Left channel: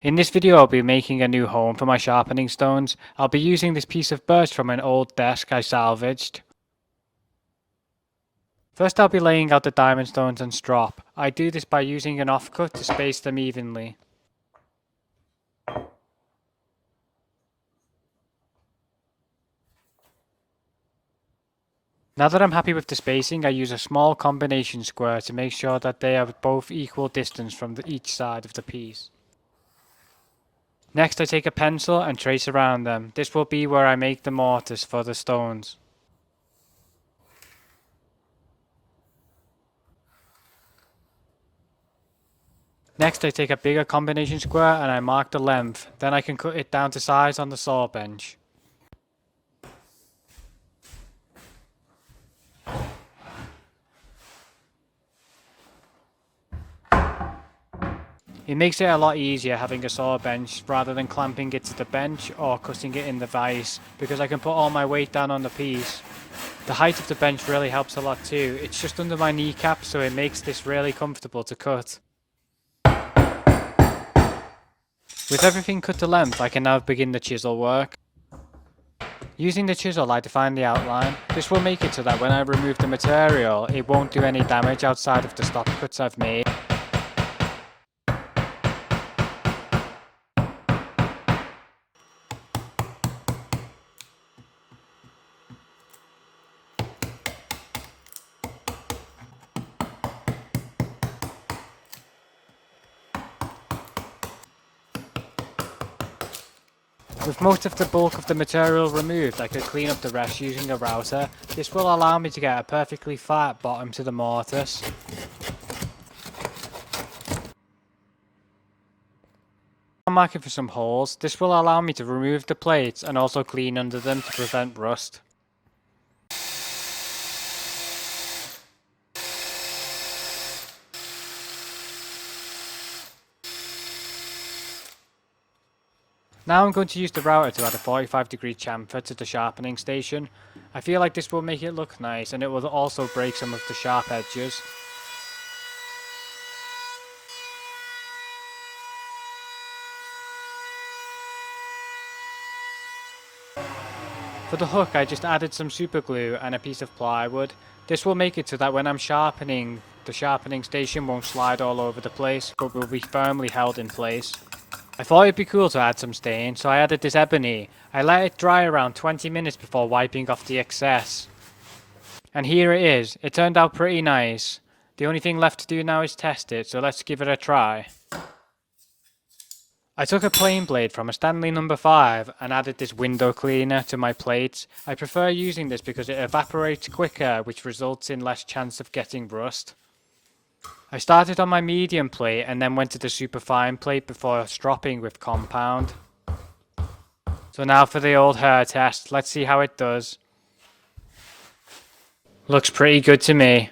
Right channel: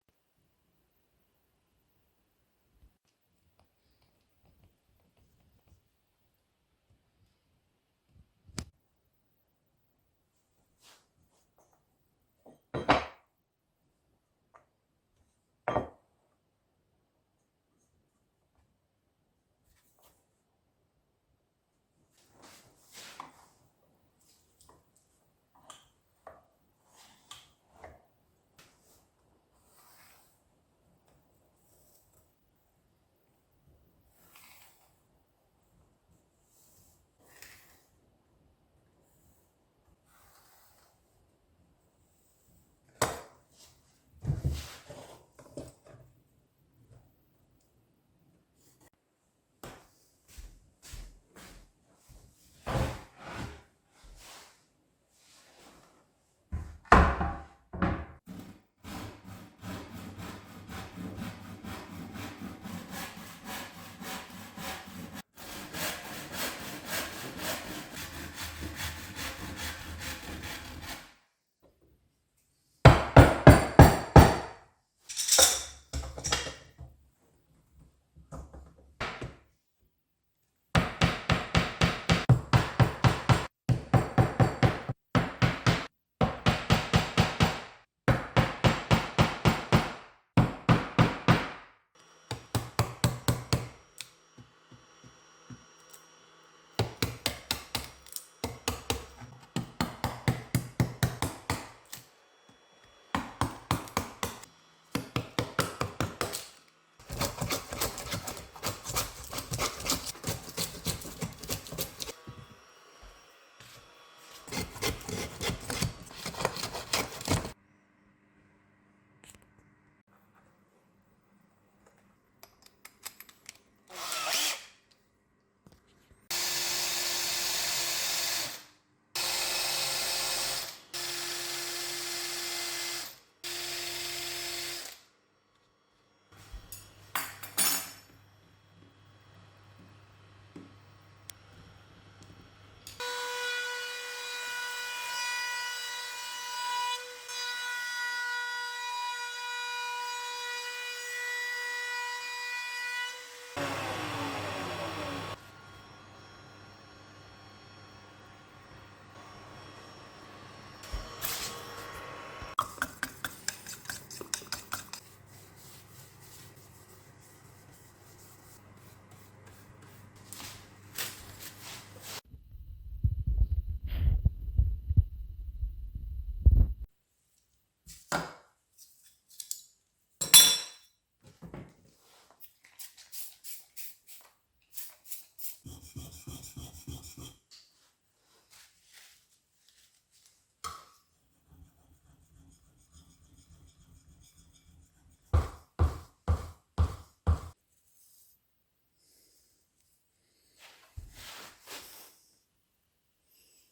In this video I'll be making a new home for my sharpening stones. I'll be using this piece of birch from an old desk I salvaged. First I'll be laying out the diamond stones and strop. I do this by using an offcut to space them evenly. Now that I'm happy with the spacing, I use a small combination square to make sure that they are both equal distance from each side of the piece. Next I take a pencil and trace around them. This will be where I make the mortise for the stones. Next I take a bigger combination square and I mark the length, then I can cut it down to size on the saw bench. It makes it a lot easier having a saw bench rather than clamping it to the bench or cutting it in the vise, because I can put all my weight down on the piece. The height of the bench really helps a lot too. It's just under my kneecap, so it makes this really comfortable to cut. With everything cut to length, I can now begin the chisel work. Using the chisel I define the outline. This will make it so that when I remove the material, it won't do any damage outside of the stop cuts I've made. With most of the bulk of the material removed, I can clean up the rest using a router. This will allow me to get a perfectly flat bottom to the mortise. I'm marking for some holes. This will allow me to remove the plates and also clean under them to prevent rust. Now I'm going to use the router to add a 45-degree chamfer to the sharpening station. I feel like this will make it look nice and it will also break some of the sharp edges. For the hook I just added some super glue and a piece of plywood. This will make it so that when I'm sharpening, the sharpening station won't slide all over the place, but will be firmly held in place. I thought it'd be cool to add some stain, so I added this ebony. I let it dry around 20 minutes before wiping off the excess. And here it is. It turned out pretty nice. The only thing left to do now is test it, so let's give it a try. I took a plane blade from a Stanley No. 5 and added this window cleaner to my plates. I prefer using this because it evaporates quicker, which results in less chance of getting rust. I started on my medium plate and then went to the super fine plate before stropping with compound. So now for the old hair test. Let's see how it does. Looks pretty good to me.